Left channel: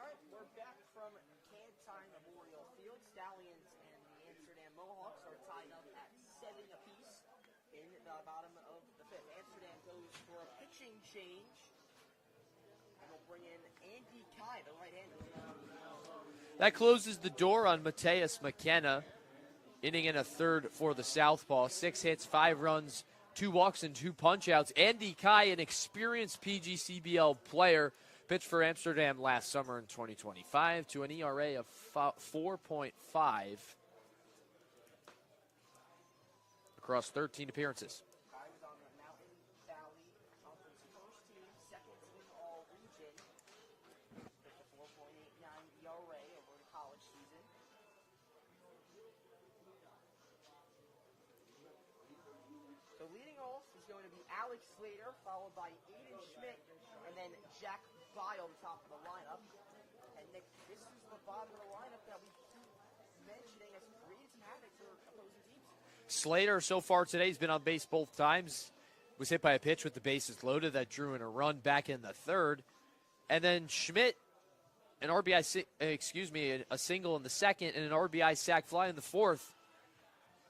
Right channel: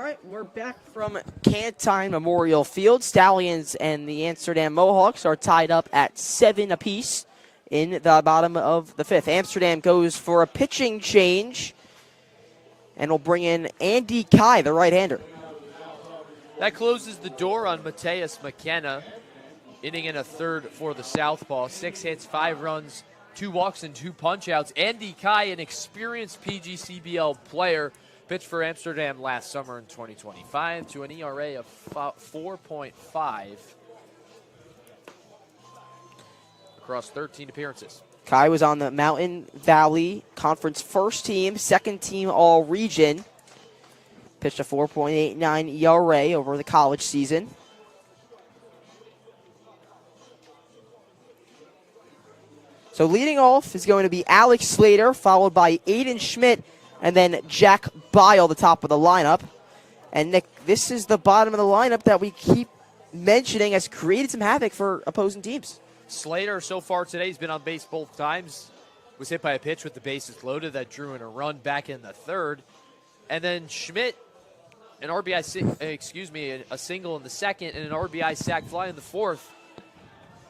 All right, we're back from Cantine Memorial Field. Stallions and the Amsterdam Mohawks are tied up at 7 apiece in the bottom of the 5th. Amsterdam goes for a pitching change and will bring in Andy Kai, the right-hander. That closes the door on Mateus McKenna, inning in a third for the Southpaw. 6 hits, 5 runs, 2 walks, and 2 punch-outs. Andy Kai, an experienced PGCBL player, pitched for Amsterdam last summer in 2025 to an ERA of 4.5 across 13 appearances. Kai was on the Mountain Valley Conference first team, second team All-Region. Pitched a 4.89 ERA over the college season. So leading off is going to be Alex Slater, followed by Aiden Schmidt, and then Jack Bile, the top of the lineup. And Nick, this is the bottom of the lineup that we keep mentioning has created some havoc for opposing teams. Slater, so far today, he's been on base both times. Was hit by a pitch with the bases loaded that drew in a run back in the third. And then Schmidt, an RBI, a single in the second and an RBI sac fly in the fourth.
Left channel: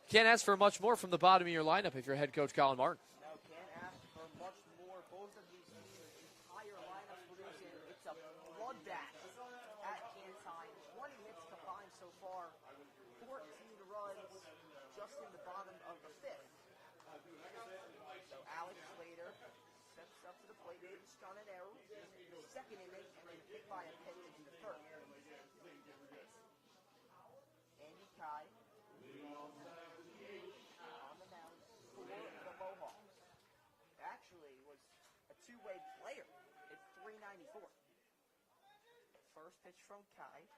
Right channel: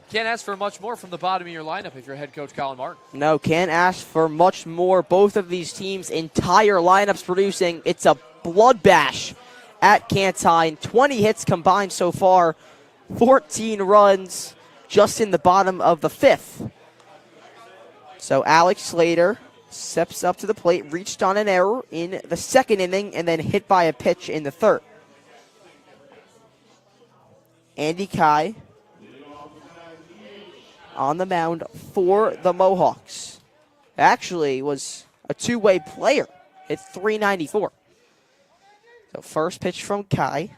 Can't ask for much more from the bottom of your lineup if you're head coach Colin Martin. No, can't ask for much more. Both of these teams' entire lineups producing. It's a blood bash at Cantine. 20 hits combined so far, 14 runs just in the bottom of the 5th. So Alex Slater steps up to the plate, reached on an error in the second inning, and then hit by a pitch in the third. Andy Kai on the mound for the Mohawks. Actually was a two-way player at .394. So first pitch from Kai.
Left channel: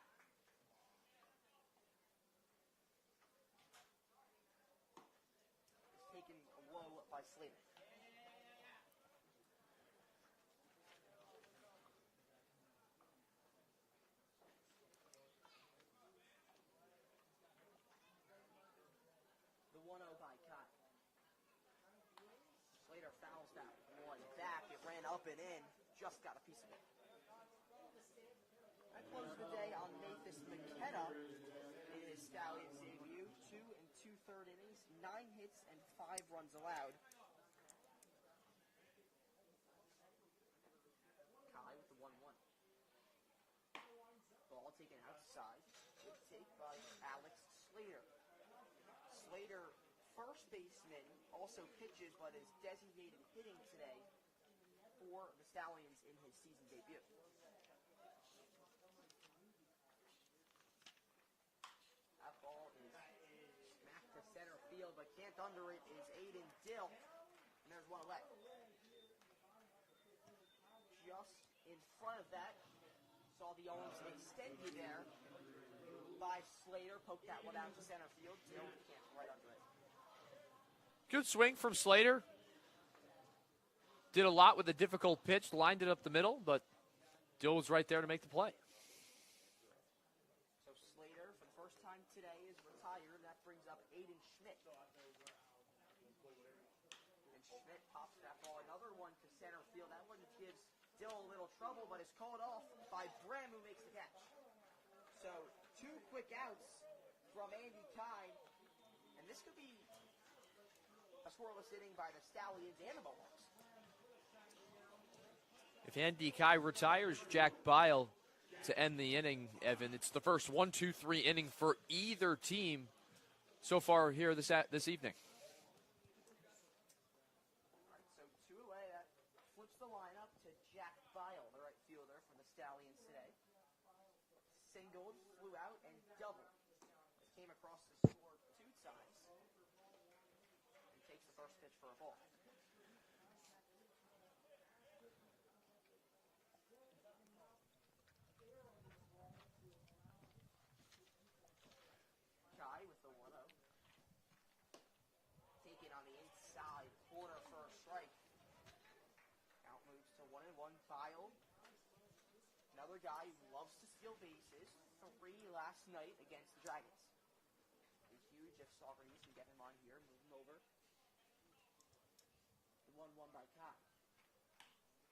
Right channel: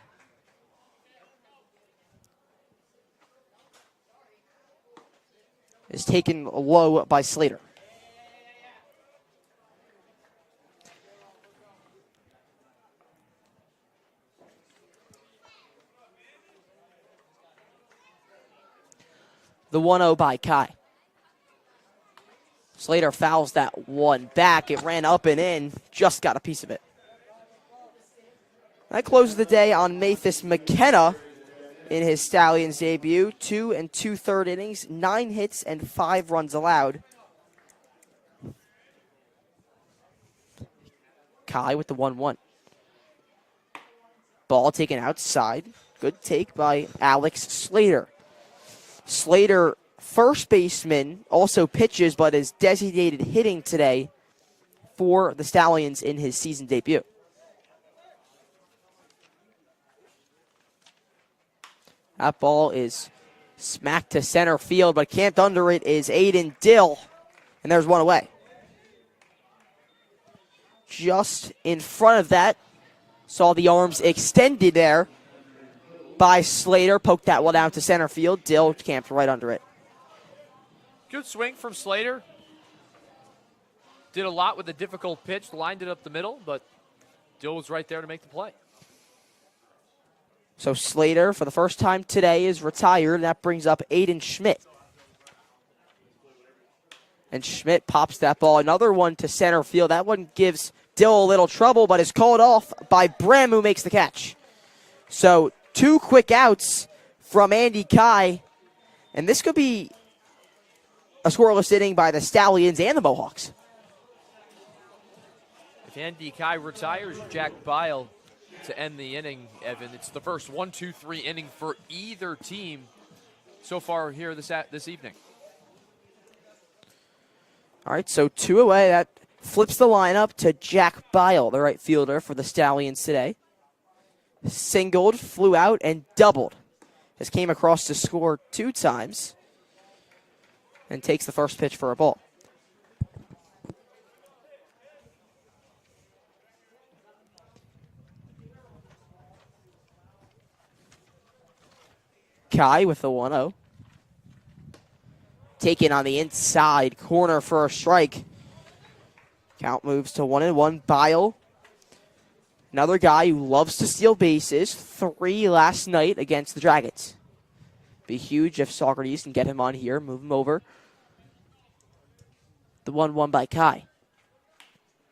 Is taken low by Slater. The 1-0 by Kai. Slater fouls that one back. It ran up and in. Just got a piece of it. That closes the day on Mathis McKenna in his Stallions debut. 2 2/3 innings, 9 hits, and 5 runs allowed. Kai with the 1-1. Ball taken outside. Good take by Alex Slater. Slater, first baseman, also pitches, but is designated hitting today for the Stallions in his season debut. That ball is smacked to center field, but camped under it is Aiden Dill, and there's one away. Just in front of that, saw the arms extended there by Slater, poked that one down to center field. Dill camped right under it. Good swing from Slater. Did a lot with a difficult pitch, lined it up the middle, but Dill was right there to make the play. So Slater, for the first time today, is retired. That brings up Aiden Schmidt. And Schmidt pops that ball. Another one to center field. That one gives Dill a little trouble, but is called off by Brem, who makes the catch. So 2 quick outs from Andy Kai. And this could be a scoreless inning by the Stallions and the Mohawks. If Andy Kai retires, Jack Bile to end the inning, Evan. It's the first 1-2-3 inning for either team so far here this evening. All right, so 2 away. That flips the lineup to Jack Bile, the right fielder for the Stallions today. Singled, flew out, and doubled. Has came across to score 2 times and takes the first pitch for a ball. Kai with the 1-0. Taken on the inside corner for a strike. Count moves to 1-1. Bile, another guy who loves to steal bases. 3 last night against the Dragons. Be huge if Saugerties can get him on here, move him over. The 1-1 by Kai.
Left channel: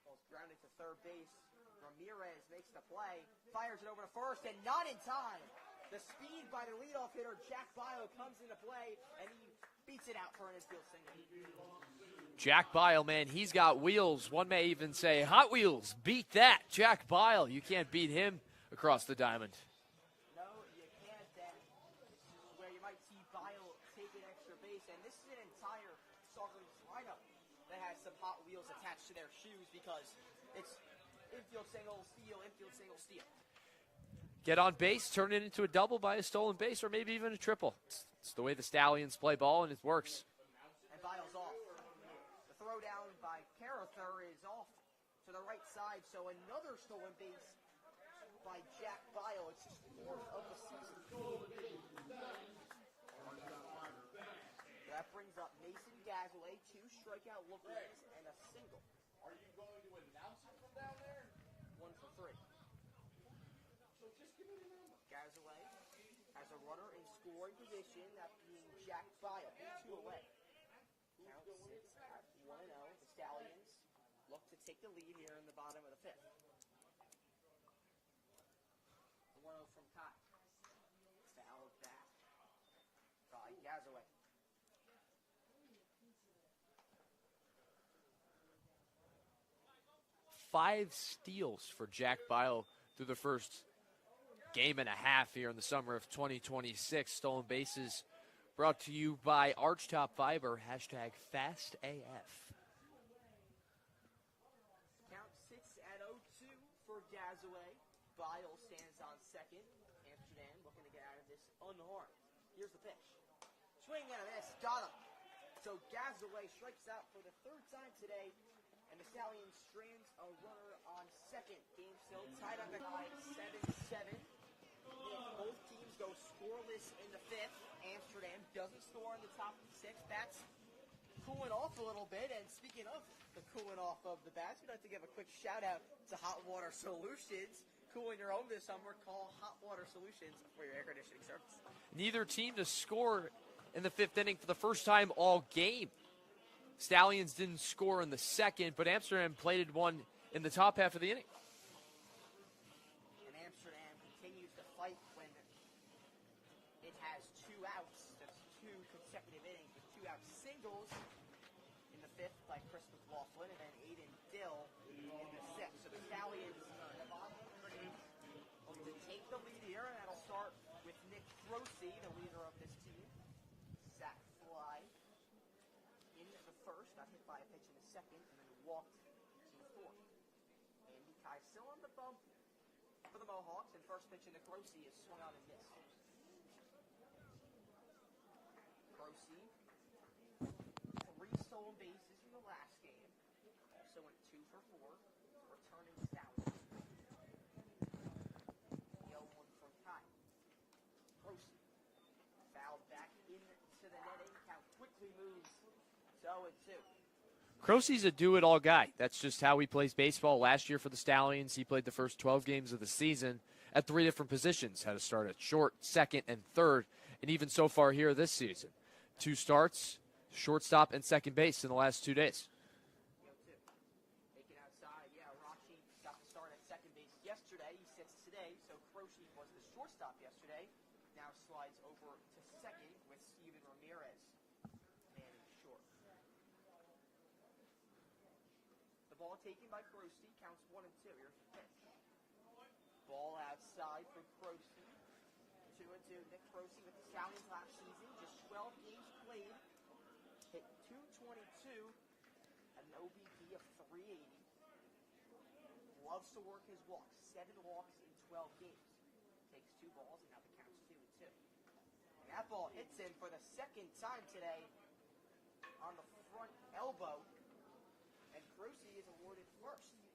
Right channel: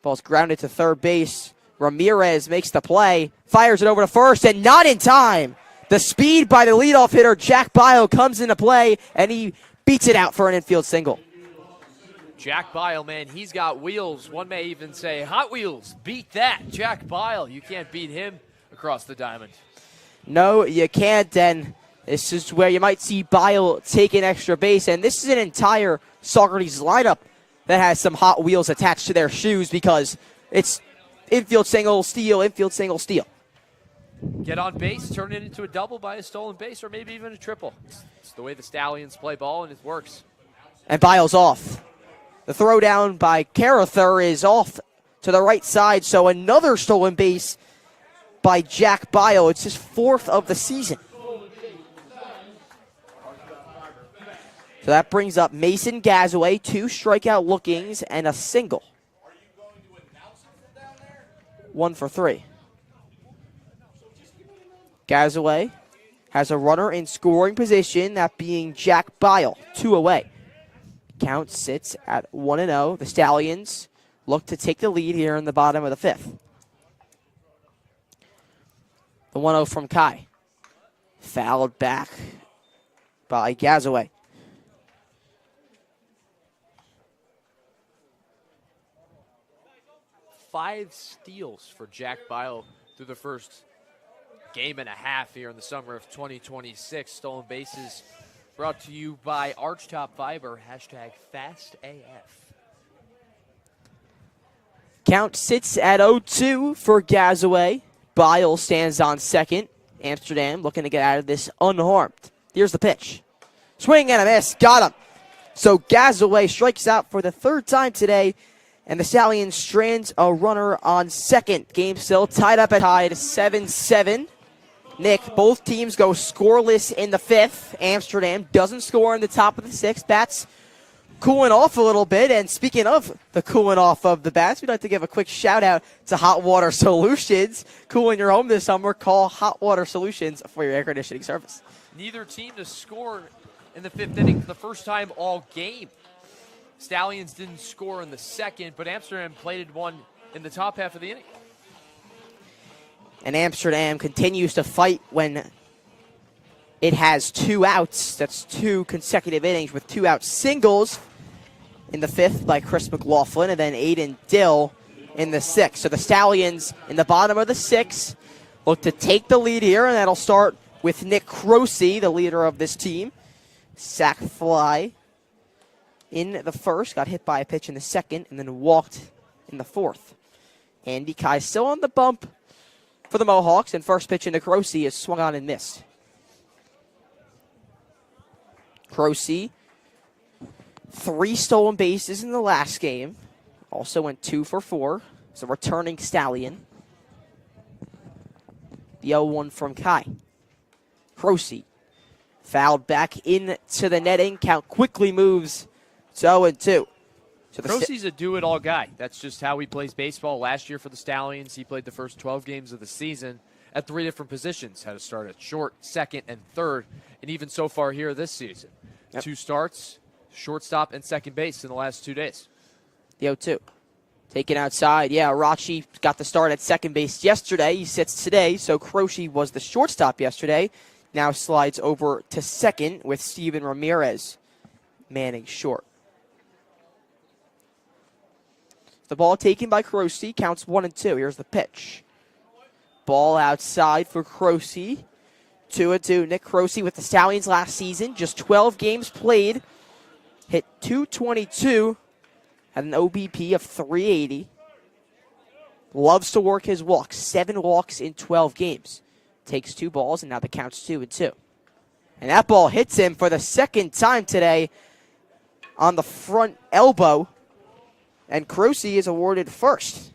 Ball's grounded to third base. Ramirez makes the play, fires it over to first, and not in time. The speed by the leadoff hitter, Jack Bio, comes into play, and he beats it out for an infield single. Jack Bile, man, he's got wheels. One may even say, Hot Wheels, beat that. Jack Bile, you can't beat him across the diamond. No, you can't, and this is where you might see Bile take an extra base, and this is an entire Saugerties lineup that has some Hot Wheels attached to their shoes because it's infield single, steal, infield single, steal. Get on base, turn it into a double by a stolen base, or maybe even a triple. It's the way the Stallions play ball, and it works. And Bile's off. The throw down by Carather is off to the right side, so another stolen base by Jack Bile. It's his 4th of the season. So that brings up Mason Gazaway, 2 strikeout lookings and a single. 1 for 3. Gazaway has a runner in scoring position, that being Jack Bile, 2 away. Count sits at 1-0. The Stallions look to take the lead here in the bottom of the 5th. The 1-0 from Kai. Fouled back by Gazaway. Five steals for Jack Bile through the first game and a half here in the summer of 2026. Stolen bases brought to you by Archtop Fiber, #FastAF. Count sits at 0-2 for Gazaway. Bile stands on second. Amsterdam looking to get out of this unharmed. Here's the pitch. Swing and a miss. Got him. So Gazaway strikes out for the 3rd time today, and the Stallions strands a runner on second. Game still tied up at 7-7. Nick, both teams go scoreless in the 5th. Amsterdam doesn't score in the top of the 6th. Bats cooling off a little bit. And speaking of the cooling off of the bats, we'd like to give a quick shout out to Hot Water Solutions. Cooling your home this summer, call Hot Water Solutions for your air conditioning service. Neither team to score in the 5th inning for the first time all game. Stallions didn't score in the 2nd, but Amsterdam plated one in the top half of the inning. And Amsterdam continues to fight when it has 2 outs. That's 2 consecutive innings with 2 out singles in the 5th by Chris McLaughlin, and then Aiden Dill in the 6th. So the Stallions in the bottom of the 6th look to take the lead here, and that'll start with Nick Crosey, the leader of this team. Sac fly in the 1st, got hit by a pitch in the 2nd, and then walked in the 4th. Andy Kai still on the bump for the Mohawks, and first pitch into Crosey is swung on and missed. Crosey, 3 stolen bases in the last game. Also went 2 for 4. It's a returning Stallion. The 0-1 from Kai. Crosey fouled back into the netting. Count quickly moves to 0-2. So Crosey's a do-it-all guy. That's just how he plays baseball. Last year for the Stallions, he played the first 12 games of the season at 3 different positions. Had to start at short, second, and third, and even so far here this season. Yep. 2 starts, shortstop, and second base in the last 2 days. The 0-2. Taken outside. Yeah, Arachi got the start at second base yesterday. He sits today, so Crosey was the shortstop yesterday. Now slides over to second with Steven Ramirez manning short. The ball taken by Crosey, counts 1-2. Here's the pitch. Ball outside for Crosey. 2-2. Nick Crosey with the Stallions last season. Just 12 games played. Hit .222. Had an OBP of .380. Loves to work his walks. 7 walks in 12 games. Takes 2 balls, and now the count's 2-2. And that ball hits him for the 2nd time today on the front elbow. And Crosey is awarded first.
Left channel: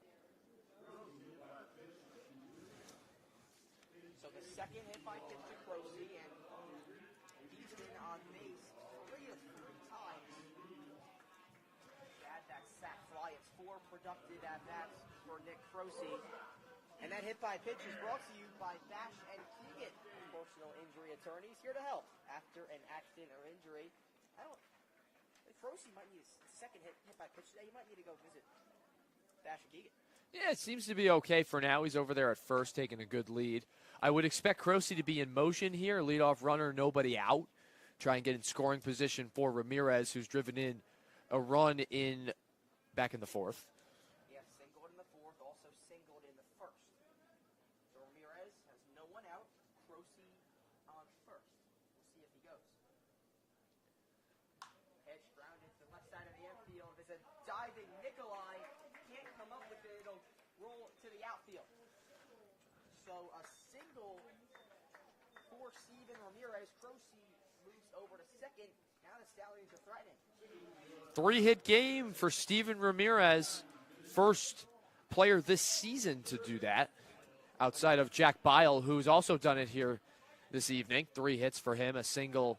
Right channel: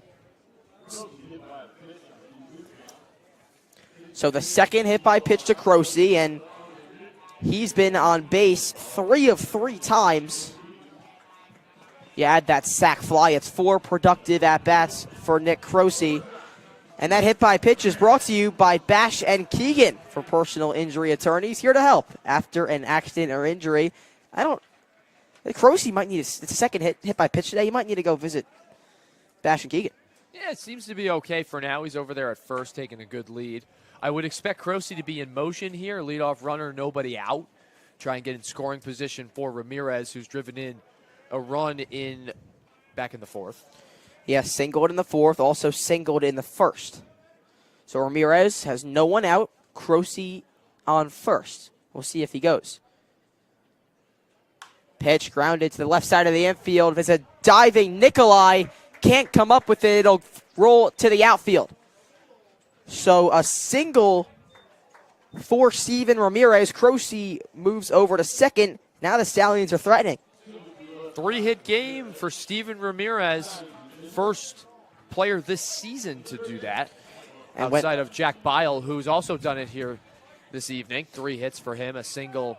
So the 2nd hit by pitch to Crosey, and he's been on base 3 of 3 times. You add that sac fly, it's 4 productive at-bats for Nick Crosey. And that hit by pitch is brought to you by Bash and Keegan for personal injury attorneys, here to help after an accident or injury. Crosey might need it's a 2nd hit by pitch today. You might need to go visit Bash and Keegan. Yeah, it seems to be okay for now. He's over there at first, taking a good lead. I would expect Croce to be in motion here, leadoff runner, nobody out. Try and get in scoring position for Ramirez, who's driven in a run back in the fourth. Yeah, singled in the fourth, also singled in the first. So Ramirez has no one out. Croce on first. We'll see if he goes. Pitch grounded to the left side of the infield. There's a diving Nikolai. Can't come up with it. It'll roll to the outfield. So a single for Steven Ramirez. Croce moves over to second. Now the Stallions are threatening. 3-hit game for Steven Ramirez. First player this season to do that. And outside of Jack Bile, who's also done it here this evening. 3 hits for him, a single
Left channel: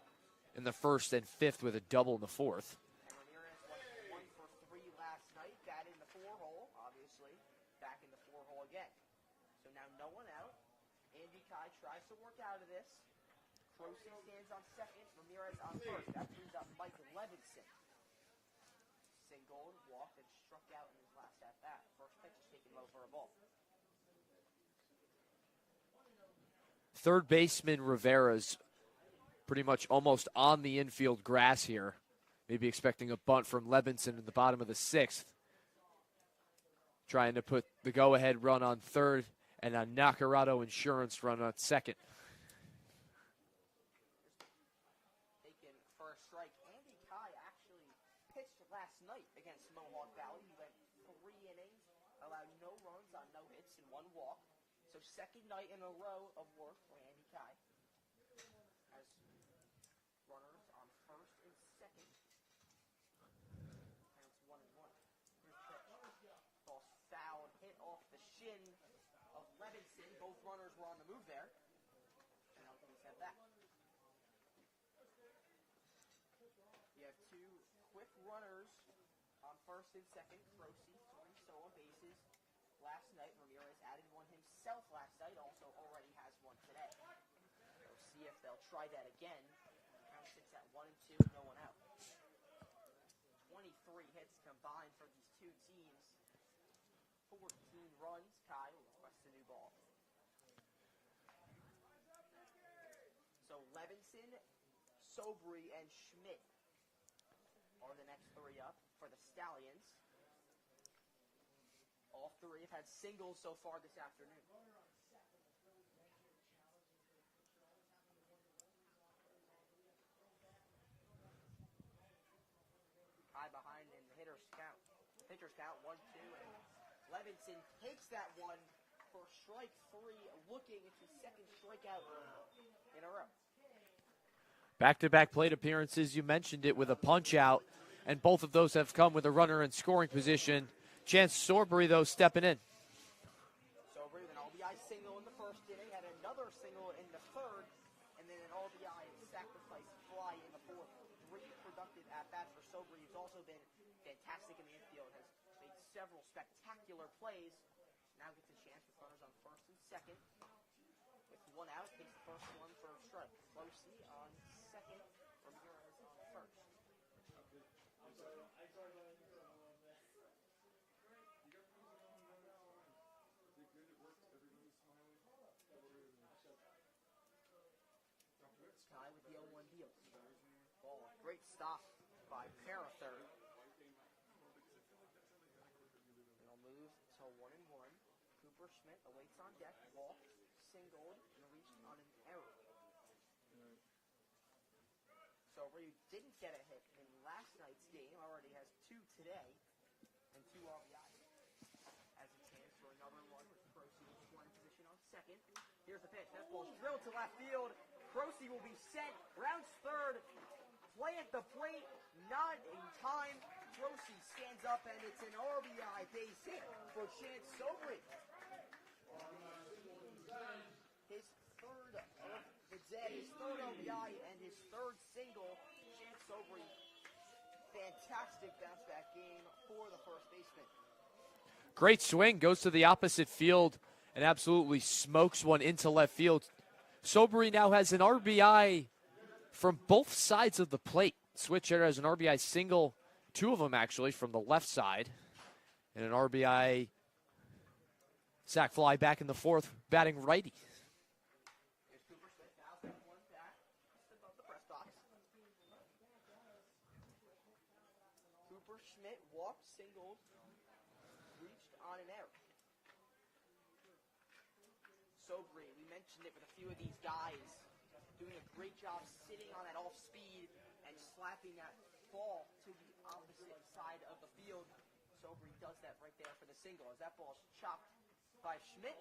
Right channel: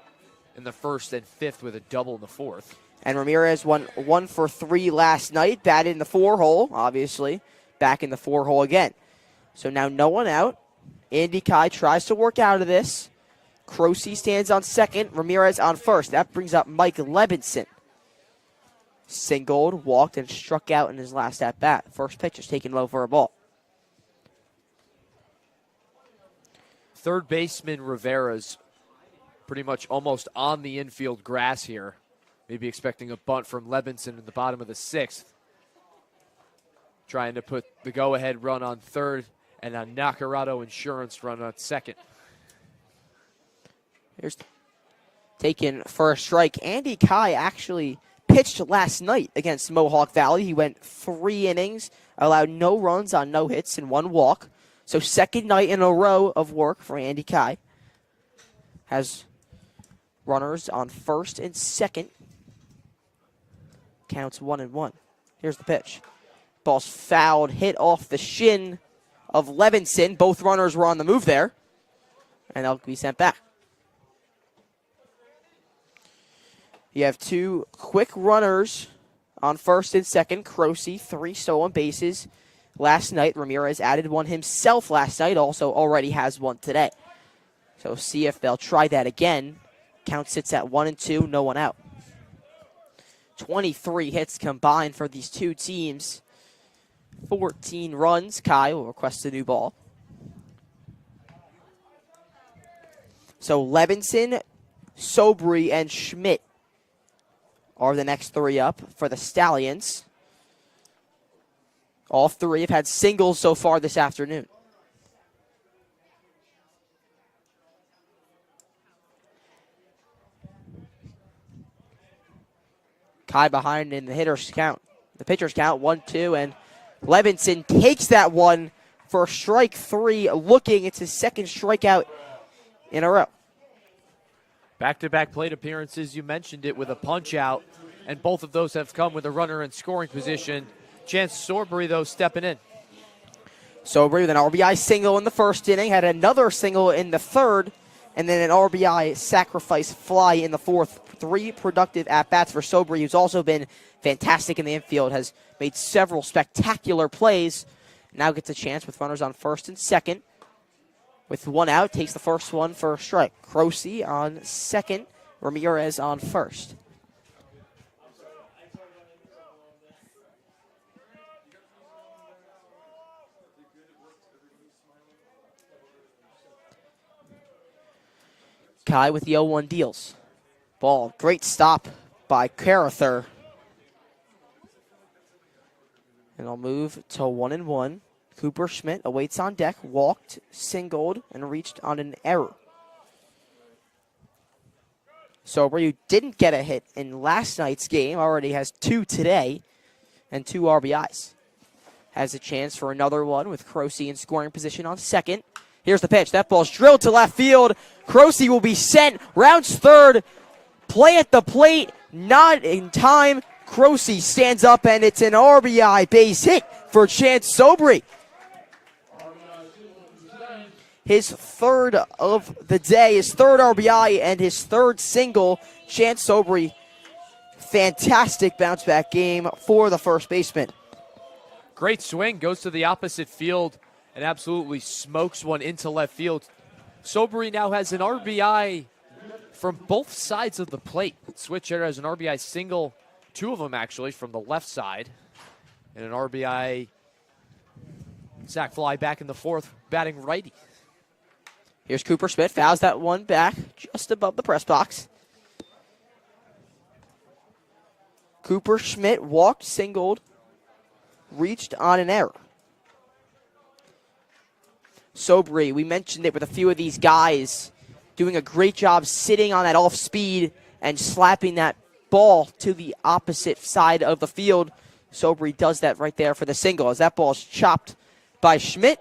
in the first and fifth with a double in the fourth. And Ramirez went 1 for 3 last night. Batted in the 4-hole, obviously. Back in the 4-hole again. So now no one out. Andy Kai tries to work out of this. Croce stands on second. Ramirez on first. That brings up Mike Levinson. Singled, walked, and struck out in his last at-bat. First pitch is taken low for a ball. Third baseman Rivera's pretty much almost on the infield grass here. Maybe expecting a bunt from Levinson in the bottom of the sixth. Trying to put the go-ahead run on third and a Nacarado Insurance run on second. Here's taken for a strike. Andy Kai actually pitched last night against Mohawk Valley. He went 3 innings, allowed no runs on no hits and 1 walk. So second night in a row of work for Andy Kai. Has runners on first and second. Counts 1-1. Here's the pitch. Ball's fouled, hit off the shin of Levinson. Both runners were on the move there. And they'll be sent back. You have 2 quick runners on first and second. Croce, 3 stolen bases last night. Ramirez added 1 himself last night. Also already has 1 today. So see if they'll try that again. Count sits at 1-2, no one out. 23 hits combined for these 2 teams. 14 runs. Kai will request a new ball. So Levinson, Sobry, and Schmidt are the next 3 up for the Stallions. All 3 have had singles so far this afternoon. Kai behind in the hitter's count. The pitcher's count, 1-2, and Levinson takes that one for strike 3, looking. It's his second strikeout in a row. Back-to-back plate appearances, you mentioned it, with a punch-out, and both of those have come with a runner in scoring position. Chance Sorbury, though, stepping in. Sobry with an RBI single in the first inning, had another single in the third, and then an RBI sacrifice fly in the fourth. 3 productive at-bats for Sobry, who's also been fantastic in the infield, has made several spectacular plays. Now gets a chance with runners on first and second. With 1 out, takes the first one for a strike. Croce on second, Ramirez on first. Kai with the 0-1 deals. Ball, great stop by Carather. And I'll move to 1-1. Cooper Schmidt awaits on deck, walked, singled, and reached on an error. Sobry, who didn't get a hit in last night's game, already has 2 today and 2 RBIs. Has a chance for another one with Croce in scoring position on second. Here's the pitch. That ball's drilled to left field. Croce will be sent. Rounds third. Play at the plate. Not in time. Croce stands up, and it's an RBI base hit for Chance Sobry. His 3rd of the day, his 3rd RBI, and his 3rd single. Chance Sobry, fantastic bounce-back game for the first baseman. Great swing, goes to the opposite field and absolutely smokes one into left field. Sobry now has an RBI from both sides of the plate. Switch hitter has an RBI single, 2 of them actually from the left side, and an RBI Sack fly back in the fourth, batting righty. Here's Cooper Schmidt, fouls that one back just above the press box. Cooper Schmidt walked, singled, reached on an error. Sobry, we mentioned it with a few of these guys doing a great job sitting on that off speed and slapping that ball to the opposite side of the field. Sobry does that right there for the single as that ball is chopped by Schmidt.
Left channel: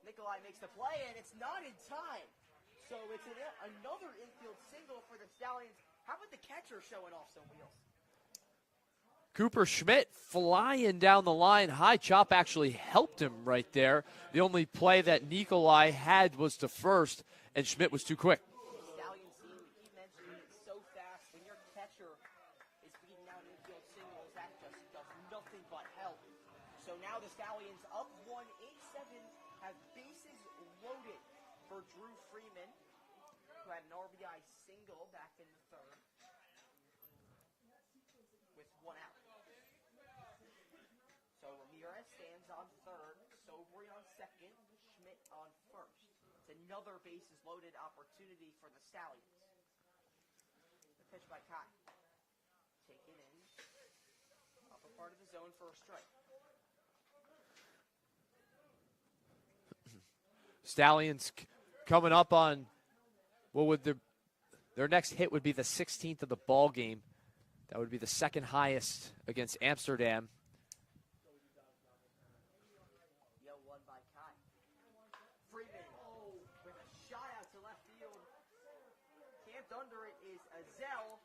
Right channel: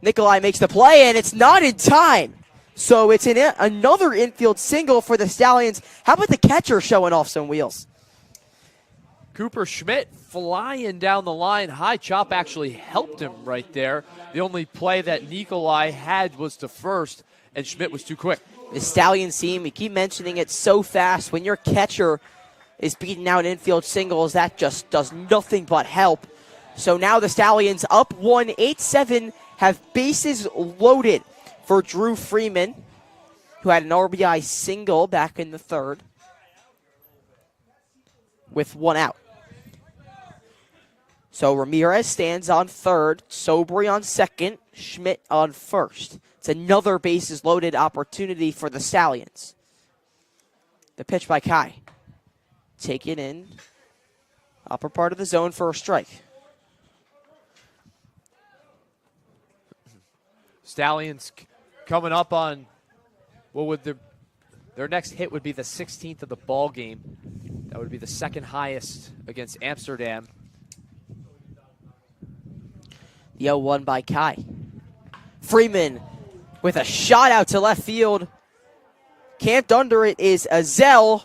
Nikolai makes the play, and it's not in time. So it's another infield single for the Stallions. How about the catcher showing off some wheels? Cooper Schmidt flying down the line. High chop actually helped him right there. The only play that Nikolai had was to first, and Schmidt was too quick. The Stallions team, we keep mentioning it so fast. When your catcher is beating out infield singles, that just does nothing but help. So now the Stallions up 1-8-7, have bases loaded for Drew Freeman, who had an RBI single back in the third with one out. So Ramirez stands on third, Sobry on second, Schmidt on first. It's another bases loaded opportunity for the Stallions. The pitch by Kai. Taken in, upper part of the zone for a strike. Stallions coming up on what would their next hit would be the 16th of the ball game. That would be the second highest against Amsterdam. The 0-1 by Kai. Freeman with a shot out to left field. Camped under it is Azell,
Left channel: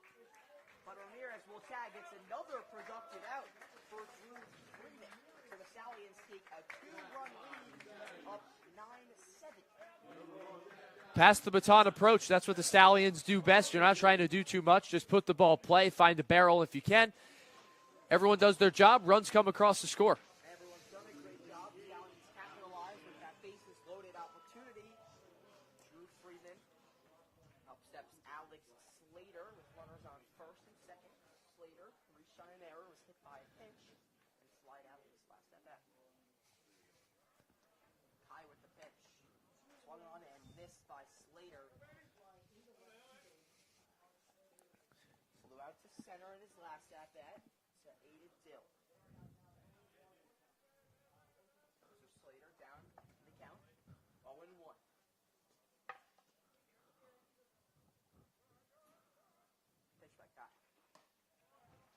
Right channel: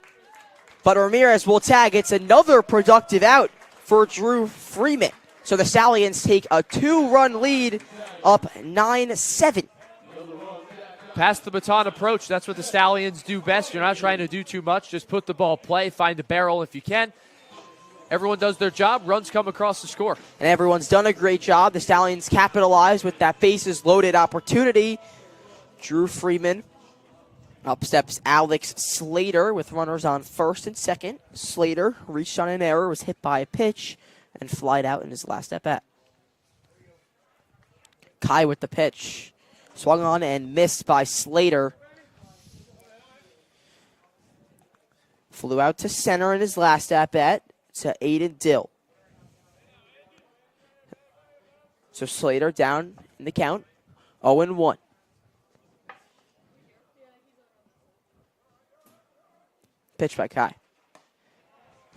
but Ramirez will tag. It's another productive out for Drew Freeman. So the Stallions take a 2-run lead, up 9-7. Pass the baton approach. That's what the Stallions do best. You're not trying to do too much. Just put the ball play, find a barrel if you can. Everyone does their job. Runs come across the score. And everyone's done a great job. The Stallions capitalize with that bases loaded opportunity. Drew Freeman. Up steps Alex Slater with runners on first and second. Slater reached on an error, was hit by a pitch, and flied out in his last at-bat. Kai with the pitch. Swung on and missed by Slater. Flew out to center in his last at-bat to Aiden Dill. So Slater down in the count, 0-1. Pitch by Kai.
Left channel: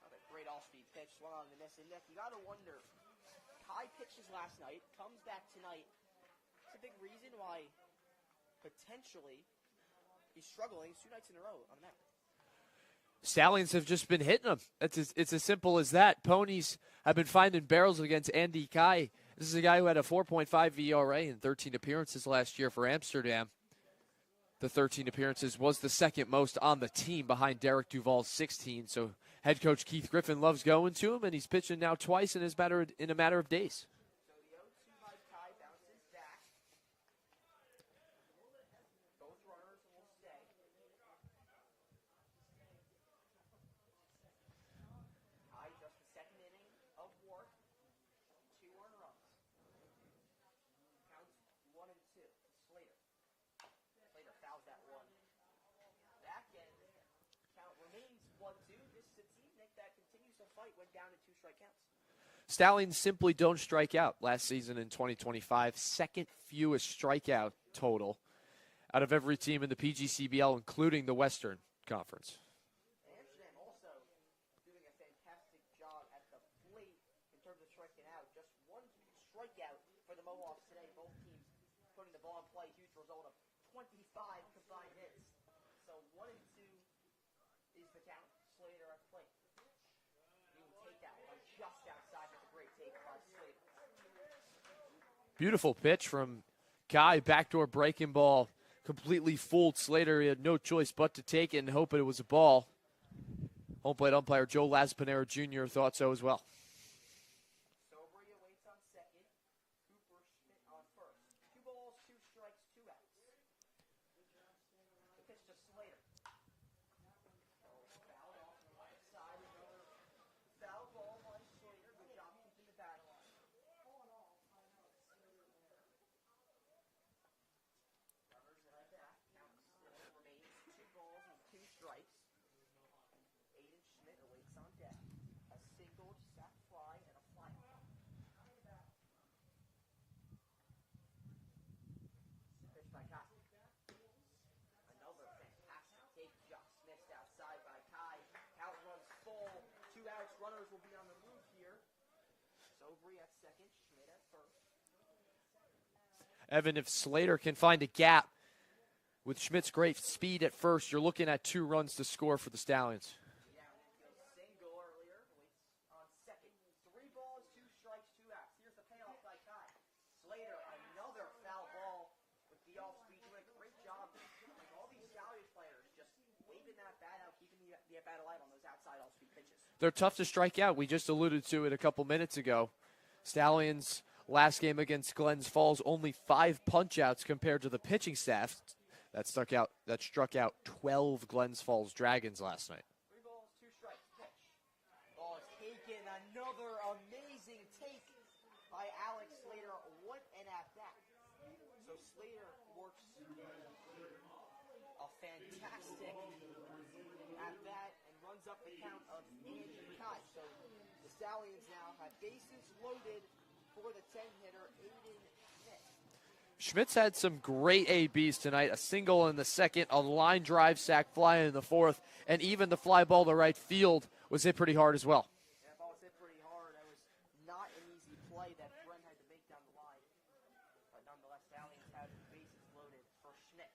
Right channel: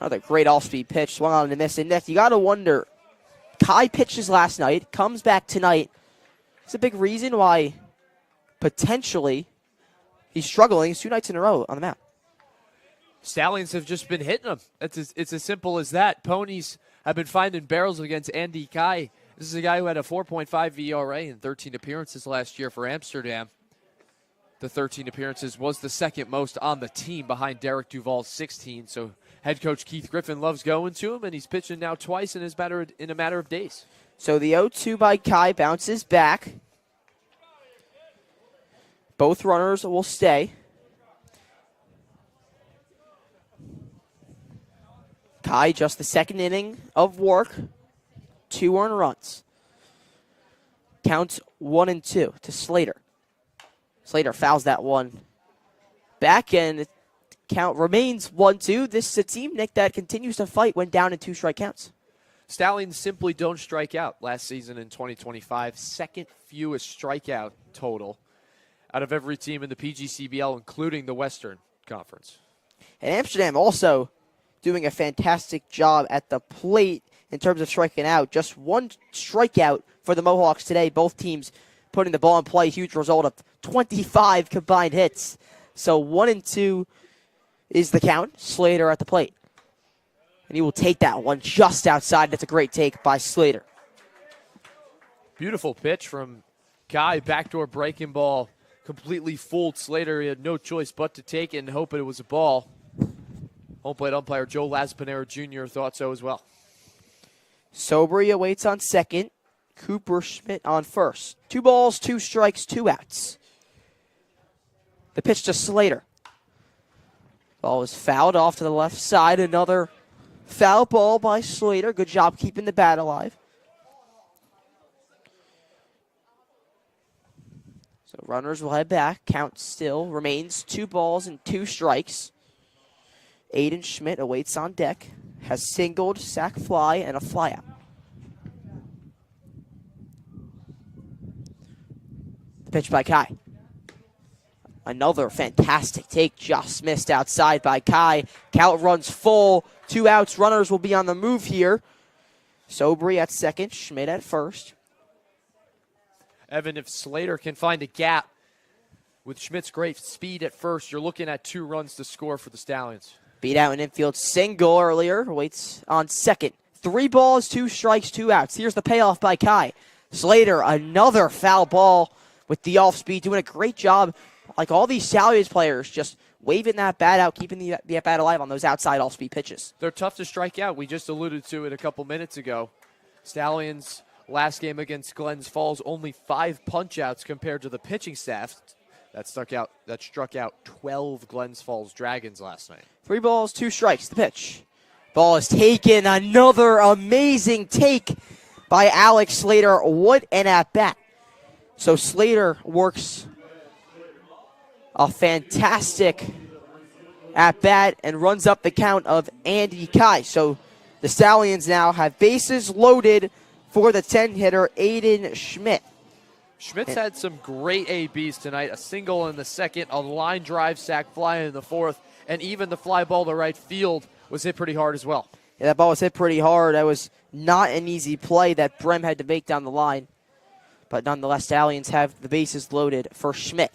Another great off-speed pitch, swung on and missed. And Nick, you got to wonder, Kai pitches last night, comes back tonight. It's a big reason why potentially he's struggling. It's 2 nights in a row on the mound. Stallions have just been hitting them. It's as simple as that. Ponies have been finding barrels against Andy Kai. This is a guy who had a 4.5 ERA in 13 appearances last year for Amsterdam. The 13 appearances was the second most on the team behind Derek Duval's 16. So head coach Keith Griffin loves going to him, and he's pitching now twice in a matter of days. So the 0-2 by Kai bounces back. Both runners will stay. Kai, just the second inning of work. 2 earned runs. Counts 1-2 to Slater. Slater fouls that one back, and count remains 1-2. This is a team, Nick, that continues to fight when down in 2 strike counts. Stallions simply don't strike out last season in 2025. Second fewest strikeout total out of every team in the PGCBL, including the Western Conference. And Amsterdam also doing a fantastic job at the plate in terms of striking out. Just 1 strikeout for the Mohawks today. Both teams putting the ball in play. Huge result of 25 combined hits. So 1-2 is the count. Slater at the plate. And he will take that one just outside. That's a great take by Slater. Beautiful pitch from Kai. Backdoor breaking ball. Completely fooled Slater. He had no choice but to take it and hope it was a ball. Home plate umpire Joe Laspinero Jr. thought so as well. Sobry awaits on second. Cooper Schmidt on first. 2 balls, 2 strikes, 2 outs. The pitch to Slater. Ball is fouled off to the left side. Another foul ball by Slater. Good job keeping the bat alive. So runners will head back. Count still remains 2 balls and 2 strikes. Aiden Schmidt awaits on deck. Has singled, sac fly, and a fly out. Pitch by Kai. Another fantastic take, just missed outside by Kai. Count runs full, 2 outs. Runners will be on the move here. Sobry at second, Schmidt at first. Evan, if Slater can find a gap with Schmidt's great speed at first, you're looking at 2 runs to score for the Stallions. Beat out an infield single earlier, waits on second. 3 balls, 2 strikes, 2 outs. Here's the payoff by Kai. Slater, another foul ball with the off speed, doing a great job. Like all these Stallions players, just waving that bat out, keeping the bat alive on those outside off-speed pitches. They're tough to strike out. We just alluded to it a couple minutes ago. Stallions, last game against Glens Falls, only 5 punch-outs compared to the pitching staff that struck out 12 Glens Falls Dragons last night. 3 balls, 2 strikes, the pitch. Ball is taken, another amazing take by Alex Slater. What an at-bat. So Slater works a fantastic at-bat and runs up the count of Andy Kai. So the Stallions now have bases loaded for the 10-hitter, Aiden Schmidt. Schmidt's had some great ABs tonight. A single in the second, a line drive sac fly in the fourth, and even the fly ball to right field was hit pretty hard as well. Yeah, that ball was hit pretty hard. That was not an easy play that Brem had to make down the line. But nonetheless, Stallions have the bases loaded for Schmidt.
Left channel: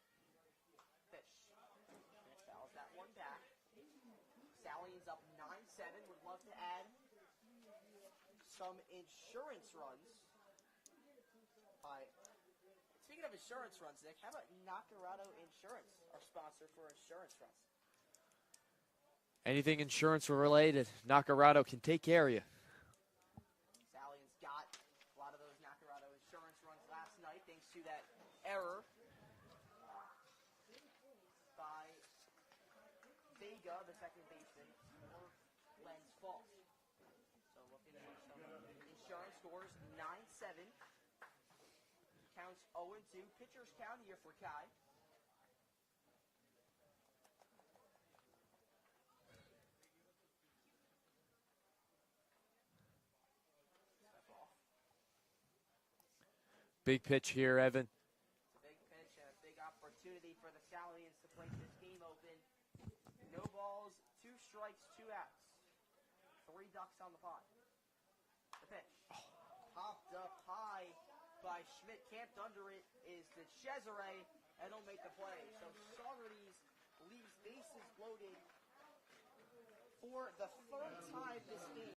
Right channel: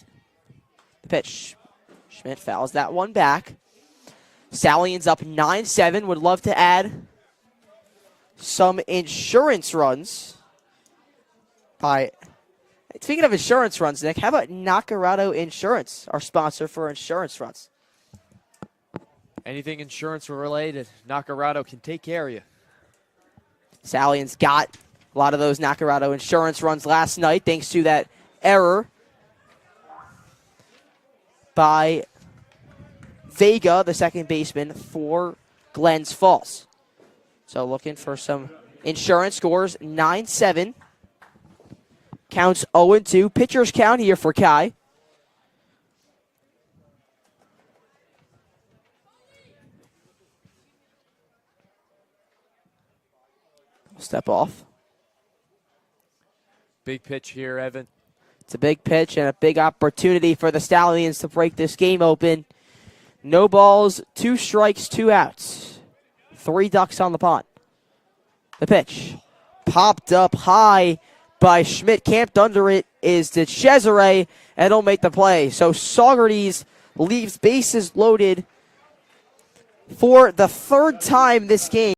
The pitch. Schmidt fouls that one back. Stallions up 9-7. Would love to add some insurance runs. Speaking of insurance runs, Nick, how about Nacarado Insurance, our sponsor for insurance runs? Anything insurance related, Nacarado can take care of you. Stallions got a lot of those Nacarado insurance runs last night thanks to that error by Vega, the second baseman for Glens Falls. So looking for some insurance. Scores 9-7. Counts 0-2. Pitcher's count here for Kai. Step off. Big pitch here, Evan. It's a big pitch and a big opportunity for the Stallions to break this game open. No balls, 2 strikes, 2 outs. 3 ducks on the pond. The pitch. Popped up high by Schmidt. Camped under it is DeCesare, and he'll make the play. So Saugerties leaves bases loaded for the 3rd time this game.